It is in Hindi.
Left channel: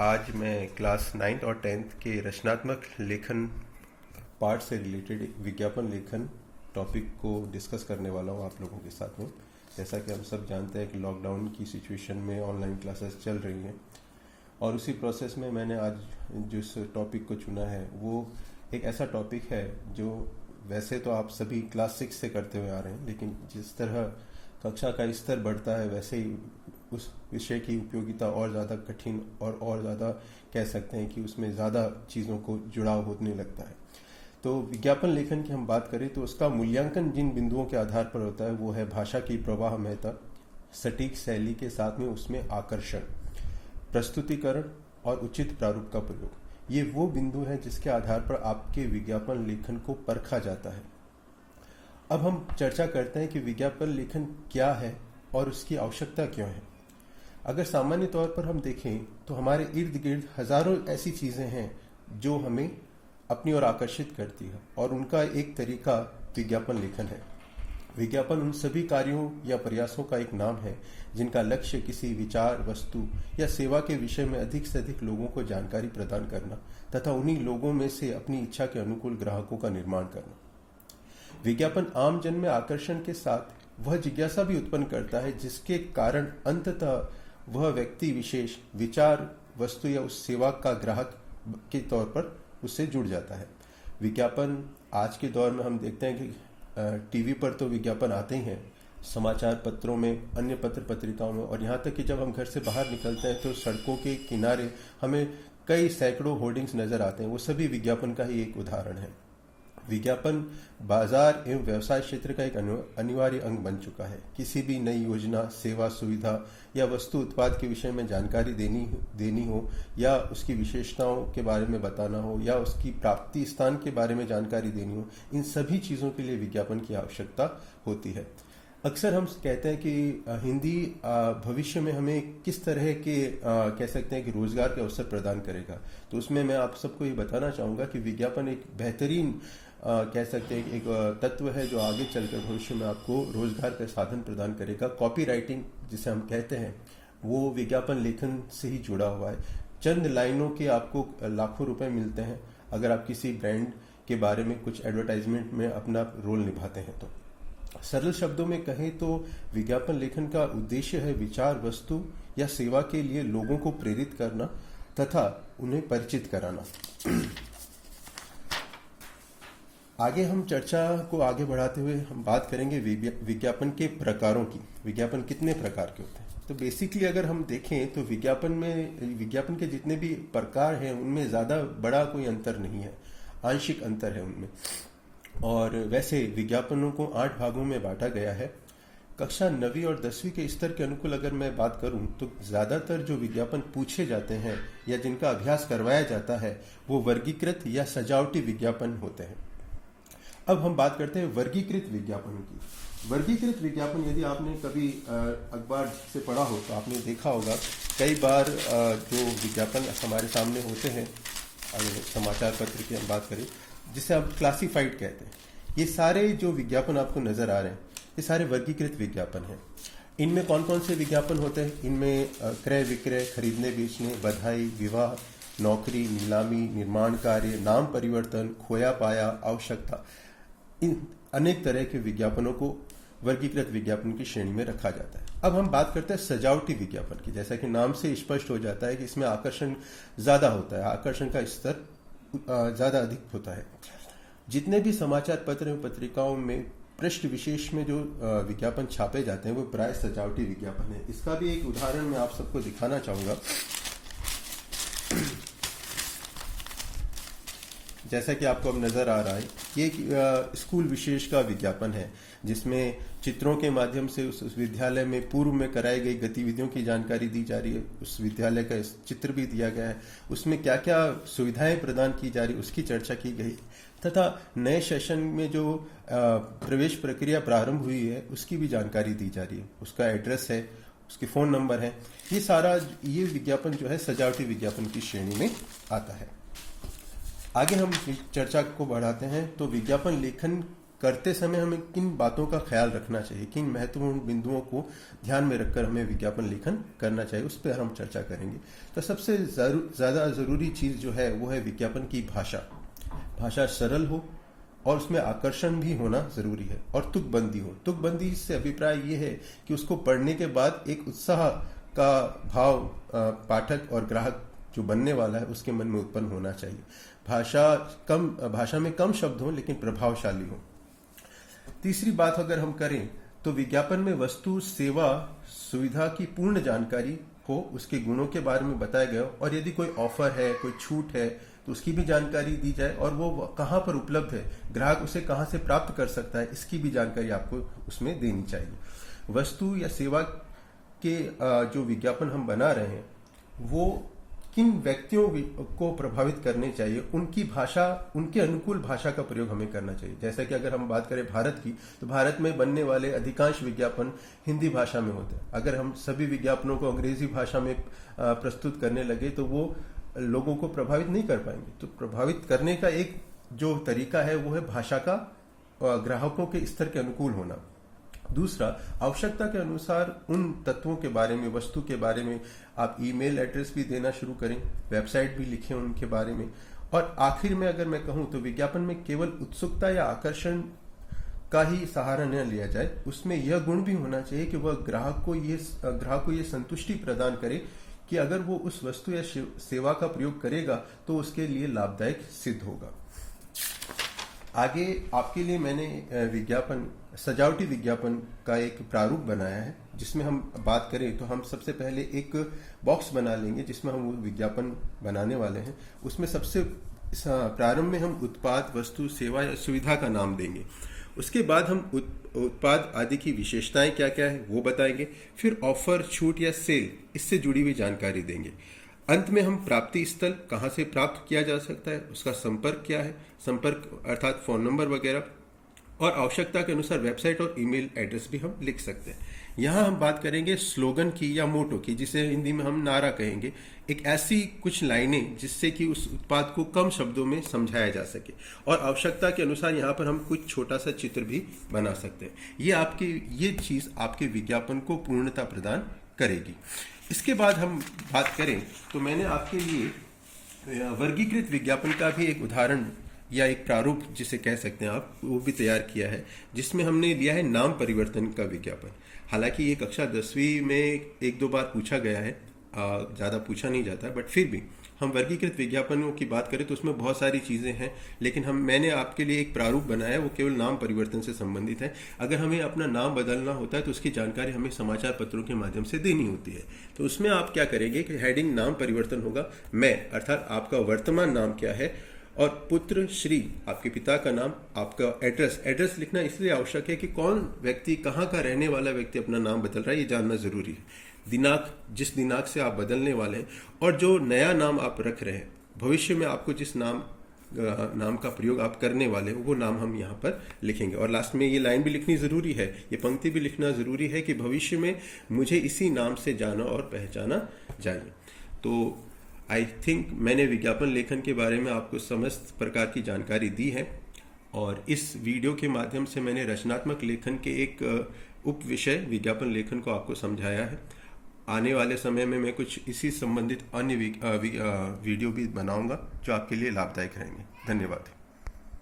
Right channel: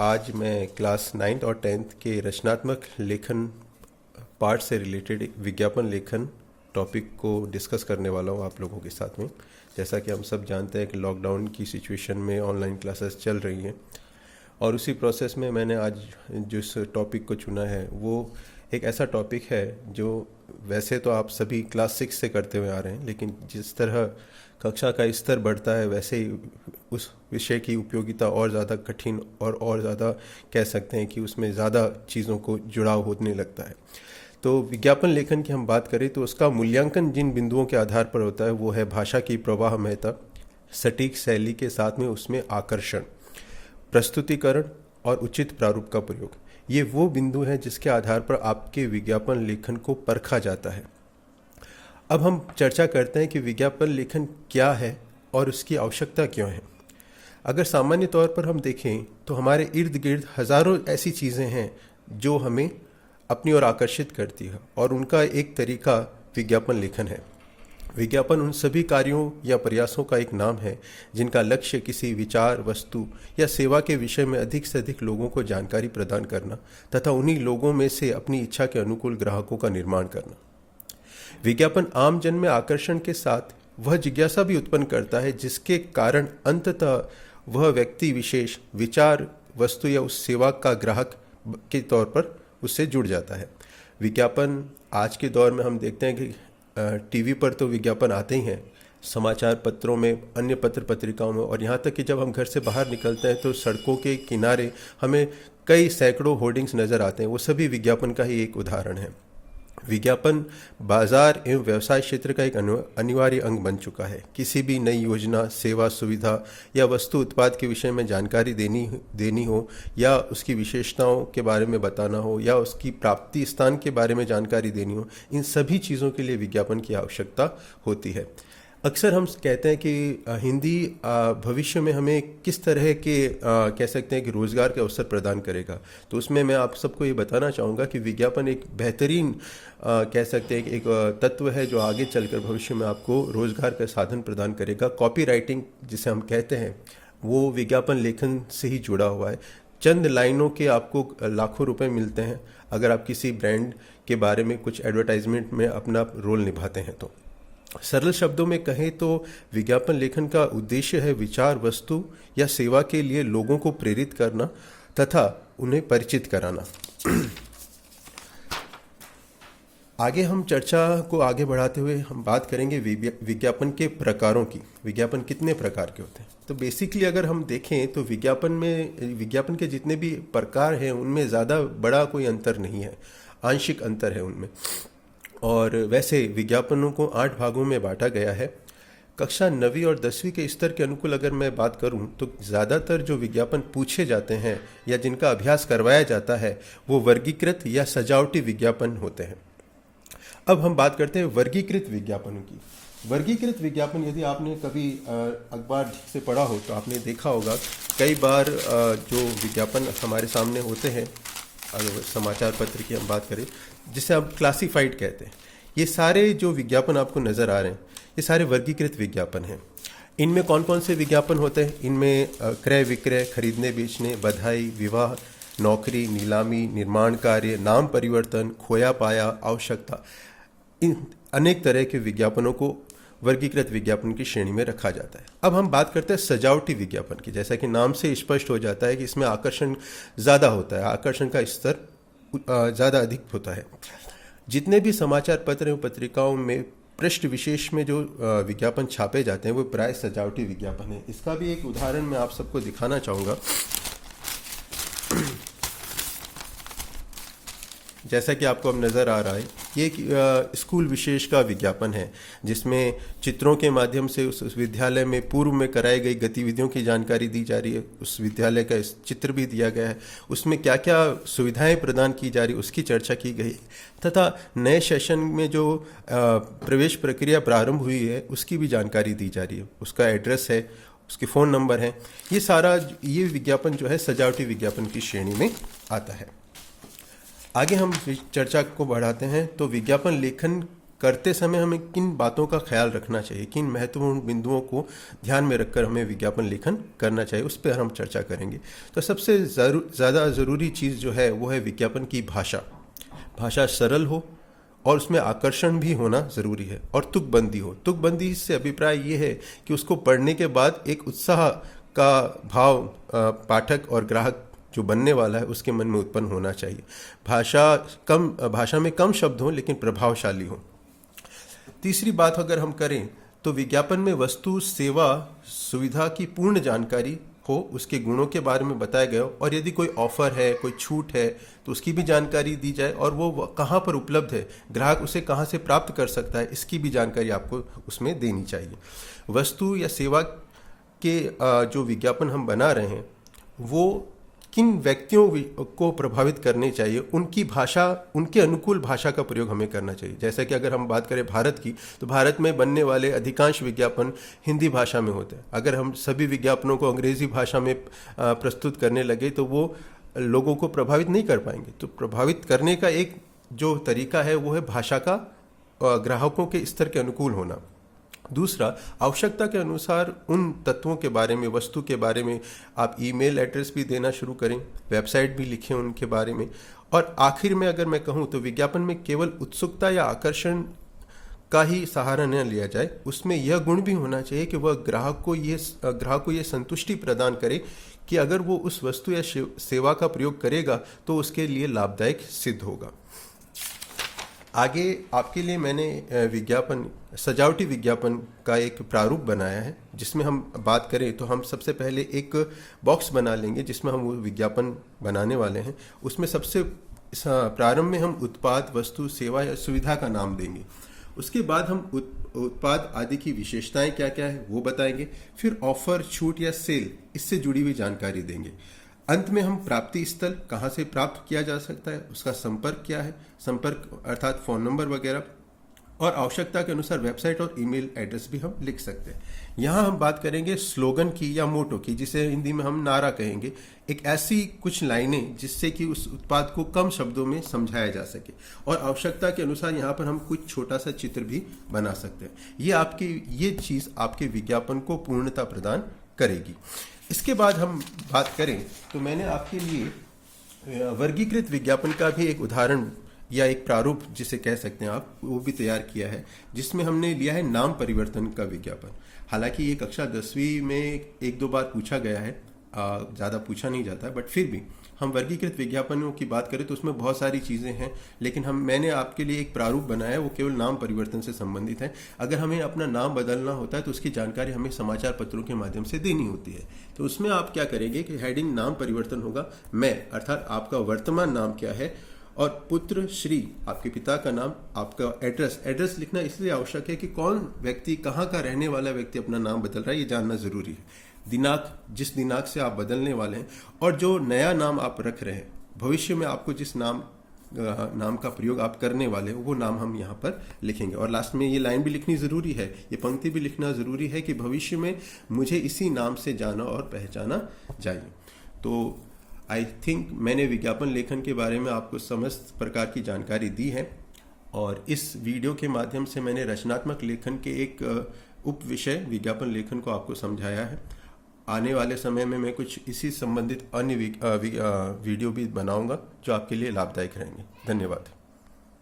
आज मैं क्लास 9th और 10th के रचनात्मक लेखन पार्ट से रिलेटेड विज्ञापन लेखन टॉपिक को डिस्कस करने वाला हूँ आप लोगों के साथ में। जैसा कि हम सब जानते हैं कि लॉकडाउन की सिचुएशन में ऑनलाइन क्लासेस चल रही हैं और उसी प्रोसेस में मैंने आज जिस टॉपिक को चुना है वो एक ऐसा टॉपिक है जो वैसे तो आप सभी क्लास 6 से करते हुए आ रहे हैं, लेकिन जिस तरह कक्षा का स्तर बढ़ता है वैसे ही उस विषय की उपयोगिता और ज़्यादा कठिन और ज़्यादा कह सकते हैं कि उसमें ज़्यादा चीज़ों को जुड़ाव होने लगता है। तो विज्ञापन लेखन की हम बात करें तो उसका मूल्यांकन जिन बिंदुओं के आधार पर होता है वो है भाषा की प्रवाहमयता, सटीक शैली के साथ में उसमें आकर्षण, प्रस्तुतिकरण और उचित प्रारूप का प्रयोग। ये वो बिंदु हैं जिसके आधार पर आपके विज्ञापन लेखन को परखा जाता है। अब हम चर्चा करते हैं कि विज्ञापन लेखन क्या है और उसकी आवश्यकता क्यों है। अगर सामान्य तौर पर हम देखें तो हमारे इर्द गिर्द हज़ारों ऐसी चीज़ें हैं जो हमें अपनी ओर आकर्षित करती है और उनका एक तरीका विज्ञापन लेखन है। विज्ञापन उन सभी कार्यों या प्रयासों का एक नाम है जिनका लक्ष्य किसी विचार, वस्तु या सेवा के विषय में अधिक से अधिक लोगों को जानकारी प्रदान करना तथा उन्हीं लोगों में से अपनी इच्छा के अनुकूल ग्राहकों का निर्माण करना। विज्ञापन आम जन में आकर्षण के साथ वह जिज्ञासा भी उत्पन्न करता है जिसके कारण अंततः वह व्यक्ति विशेष विचार, वस्तु या उस सेवा का ग्राहक के तौर पर उससे जुड़ जाता है। विज्ञापन आज के दौर में हम देखते हैं कि टीवी पर तो विज्ञापन आते ही हैं, समाचार पत्रों में, अन्य पत्र पत्रिकाओं में, और यहाँ तक कि जब हम घर से बाहर निकलते हैं तो सड़कों के किनारे हमें कई सैकड़ों होर्डिंग्स नज़र आते हैं। वो सभी विज्ञापन का ही एक उदाहरण है। विज्ञापन बाजार एवं व्यवसाय क्षेत्र का एक अनिवार्य अंग बन चुका है। किसी भी नई योजना, सेवा, सुविधा या वस्तु उत्पाद के विषय में जानकारी देनी हो या उसकी विशेषताओं के बारे में बताना हो या उसकी प्राप्ति स्थान के बारे में जानकारी देनी हो, इन सभी चीज़ों के लिए विज्ञापन की आवश्यकता होती है। अक्सर हम कहते हैं कि हिंदी भविष्य में हमें किस तरह के कह सकते हैं कि रोज़गार के अवसर प्रदान करेगा। तो उसमें मैं आप सबको ये बताना चाहूँगा कि विज्ञापन एक बेहतरीन कह सकते हैं कि एक तत्व है जो आगे चलकर भविष्य में आपको रोज़गार का साधन प्रदान करेगा। कॉपी राइटिंग जिसे हम कहते हैं वो विज्ञापन लेखन से ही जुड़ा हुआ है। चंद लाइनों के आपको लाखों रुपए मिलते हैं अगर आप किसी ब्रांड के बारे में कुछ एडवर्टाइजमेंट में अपना रोल निभाते हैं। तो सरल शब्दों में कहें तो विज्ञापन लेखन का उद्देश्य है विचार, वस्तु या सेवा के लिए लोगों को प्रेरित करना तथा उन्हें परिचित कराना। आगे हम चर्चा को आगे बढ़ाते हुए हम बात करेंगे विज्ञापन के प्रकारों की। विज्ञापन कितने प्रकार के होते हैं? तो बेसिकली अगर हम देखें तो विज्ञापन के जितने भी प्रकार हैं उनमें ज़्यादा बड़ा कोई अंतर नहीं है, आंशिक अंतर है उनमें। और वैसे विज्ञापनों को 8 भागों में बांटा गया है। कक्षा 9वीं और 10वीं के स्तर के अनुकूल अगर मैं बात करूं तो ज़्यादातर जो विज्ञापन पूछे जाते हैं या जिनका अभ्यास करवाया जाता है वो वर्गीकृत या सजावटी विज्ञापन होते हैं। अब हम बात करते हैं वर्गीकृत विज्ञापनों की। वर्गीकृत विज्ञापन यदि आपने कभी अखबार से पढ़ा हो तो आपने देखा होगा कई बार जो विज्ञापन हमारे सामने होते हैं, अगर समाचार पत्र की हम बात करें जिसे हम क्लासिफाइड कहते हैं, ये सारे जो विज्ञापन आपको नज़र आ रहे हैं ये सारे वर्गीकृत विज्ञापन हैं। इनमें कौन कौन से विज्ञापन होते हैं? इनमें क्रय विक्रय, खरीदने बेचने, बधाई, विवाह, नौकरी, नीलामी, निर्माण कार्य, नाम परिवर्तन, खोया पाया, आवश्यकता, इन अनेक तरह के विज्ञापनों को वर्गीकृत विज्ञापन की श्रेणी में रखा जाता है। अब हम बात करते हैं सजावटी विज्ञापन की। जैसा कि नाम से स्पष्ट हो जाता है कि इसमें आकर्षण ज़्यादा होता है, आकर्षण का स्तर ज़्यादा अधिक होता है। जितने भी समाचार पत्र एवं पत्रिकाओं में पृष्ठ विशेष में जो विज्ञापन छापे जाते हैं वो प्राय सजावटी विज्ञापन है। इसका भी एक उदाहरण मैं आप सबको दिखाना चाहूँगा। जैसा कि आपको अब नज़र आ रहा है, ये एक स्कूल विशेष का विज्ञापन है जिसमें चित्रों के माध्यम से उस विद्यालय में पूर्व में कराई गई गतिविधियों की जानकारी दी जा रही है। उस विद्यालय का चित्र भी दिया गया है, उसमें क्या क्या सुविधाएं प्रदान की जा रही है उसकी चर्चा की गई तथा नए सेशन में जो प्रवेश प्रक्रिया प्रारंभ हुई है उसकी भी जानकारी दी जा रही है। उसका एड्रेस है, उसके फ़ोन नंबर है। ये विज्ञापन जो है सजावटी विज्ञापन की श्रेणी में आता है। आगे हम चर्चा को बढ़ाते हैं तो विज्ञापन लेखन करते समय हमें किन बातों का ख्याल रखना चाहिए, किन महत्वपूर्ण बिंदुओं को ध्यान में रखकर हमें विज्ञापन लेखन करना चाहिए, उस पर हम चर्चा करेंगे। तो सबसे ज़्यादा ज़रूरी चीज़ जो है वो है विज्ञापन की भाषा। भाषा सरल हो और उसमें आकर्षण भी होना ज़रूरी है, और तुकबंदी हो। तुकबंदी से अभिप्राय ये है कि उसको पढ़ने के बाद एक उत्साह का भाव पाठक और ग्राहक जो बनने वाला है उसके मन में उत्पन्न होना चाहिए। भाषा में कम शब्द हो लेकिन प्रभावशाली हो। तीसरी बात अगर हम करें तो विज्ञापन में वस्तु, सेवा, सुविधा की पूर्ण जानकारी हो, उसके गुणों के बारे में बताया गया हो, और यदि कोई ऑफर है, कोई छूट है तो उसकी भी जानकारी दी जाए, और वो कहाँ पर उपलब्ध है, ग्राहक उसे कहाँ से प्राप्त कर सकता है, इसकी भी जानकारी आपको उसमें देनी चाहिए। वस्तु या सेवा के जो विज्ञापन हम बना रहे हैं वो किन व्यक्तियों को प्रभावित करने चाहिए, उनकी भाषा, उनके अनुकूल भाषा का प्रयोग हमें करना चाहिए। जैसा कि अगर हम बात करें भारत की, तो भारत में बनने वाले अधिकांश विज्ञापन हिंदी भाषा में होते हैं। अगर हम सभी विज्ञापनों को अंग्रेजी भाषा में प्रस्तुत करने लगे तो वो लोगों को प्रभावित नहीं कर पाएंगे। तो प्रभावित करने का एक जो तरीका है वो है भाषा का ग्राहकों के स्तर के अनुकूल होना। दूसरा, आवश्यकता के अनुसार उन तत्वों के बारे में, वस्तु के बारे में आप ईमेल एड्रेस भी देना शुरू करें, वेबसाइट भी लिखें उनके बारे में। और आखिर में अगर मैं कहूँ तो विज्ञापन में केवल उत्सुकता या आकर्षण का ही सहारा न लिया जाए, उसमें यह गुण भी होना चाहिए कि वह ग्राहक को ये संतुष्टि प्रदान करे कि अगर वो उस वस्तु या सेवा का प्रयोग करेगा तो उसके लिए लाभदायक सिद्ध होगा। आगे आपके लिए मैंने सजावटी विज्ञापन का एक प्रारूप बनाया है, जिसमें हम बात करें तो हम सबसे पहले एक बॉक्स बना लेंगे जिसमें हम वो विज्ञापन बनाने वाले हैं। उसमें सबसे प्रारंभ में हम उत्पाद, वस्तु, सेवा या सुविधा का नाम देंगे। उसके बाद हम उत्पाद आदि की विशेषताएं क्या क्या है वो बताएंगे। फिर ऑफर, छूट या सेल, इससे जुड़ी हुई जानकारी देंगे। अंत में हम प्राप्ति स्थल, कहाँ से प्राप्त किया जा सकता है, उसका संपर्क क्या है, संपर्क अर्थात फ़ोन नंबर वगैरह, और आवश्यकता के अनुसार वेबसाइट और ईमेल एड्रेस भी हम लिख सकते हैं। यहाँ हम बात करेंगे स्लोगन की या मोटो की, जिसे हिंदी में हम नारा कहेंगे। एक ऐसी कुछ लाइनें जिससे कि उस उत्पाद को कम शब्दों में समझाया जा सके, और आवश्यकता के अनुसार यहाँ पर हम कुछ छोटा सा चित्र भी बना सकते हैं। ये चीज़ आपके विज्ञापन को पूर्णता प्रदान करेगी। इसके बाद हम बात करें तो मैंने आपके लिए वर्गीकृत विज्ञापन का भी एक उदाहरण या एक प्रारूप जिसे कह सकते हैं आप, वो भी तैयार किया है, जिसमें हमने लिया है नाम परिवर्तन का विज्ञापन। हालांकि ये कक्षा 10वीं में एक दो बार पूछा गया है, ज़्यादा पूछा नहीं जाता है, बट फिर भी हम वर्गीकृत विज्ञापनों की बात करें तो उसमें बहुत सारी चीज़ें हैं, लेकिन मैंने आपके लिए एक प्रारूप बनाया है, वो केवल नाम परिवर्तन से संबंधित है। अगर हमें अपना नाम बदलना होता है तो उसकी जानकारी हमें समाचार पत्रों के माध्यम से देनी होती है। तो उसमें आप क्या करेंगे कि हेडिंग नाम परिवर्तन होगा, मैं अर्थात आपका वर्तमान नाम क्या है, और पुत्र श्री आपके पिता का नाम, आपका एड्रेस लिखना इसलिए आवश्यक है कि कौन व्यक्ति, कहाँ का रहने वाला व्यक्ति अपना नाम बदल रहा है, ये जानना जरूरी है। दिनांक, जिस दिनांक से आप बदलने वाले हैं, और जो नया नाम आप रख रहे हैं, भविष्य में आपको जिस नाम का प्रयोग आप करने वाले हो वो नाम हम यहाँ पर लिखेंगे। और लास्ट में ये लाइन भी लिखनी जरूरी है, ये पंक्ति भी लिखना जरूरी है कि भविष्य में मुझे इसी नाम से जाना और पहचाना जाए। तो आई थिंक मैंने विज्ञापन लेखन के बारे में आपको समस्त प्रकार की जानकारी दी है, और इस वीडियो के माध्यम से मैंने रचनात्मक लेखन के एक उप विषय विज्ञापन लेखन को आपको समझाया है। आने वाले समय में मैं कुछ इसी संबंधित अन्य वीडियो भी बनाऊंगा जो आपके लिए लाभदायक रहेंगे। धन्यवाद।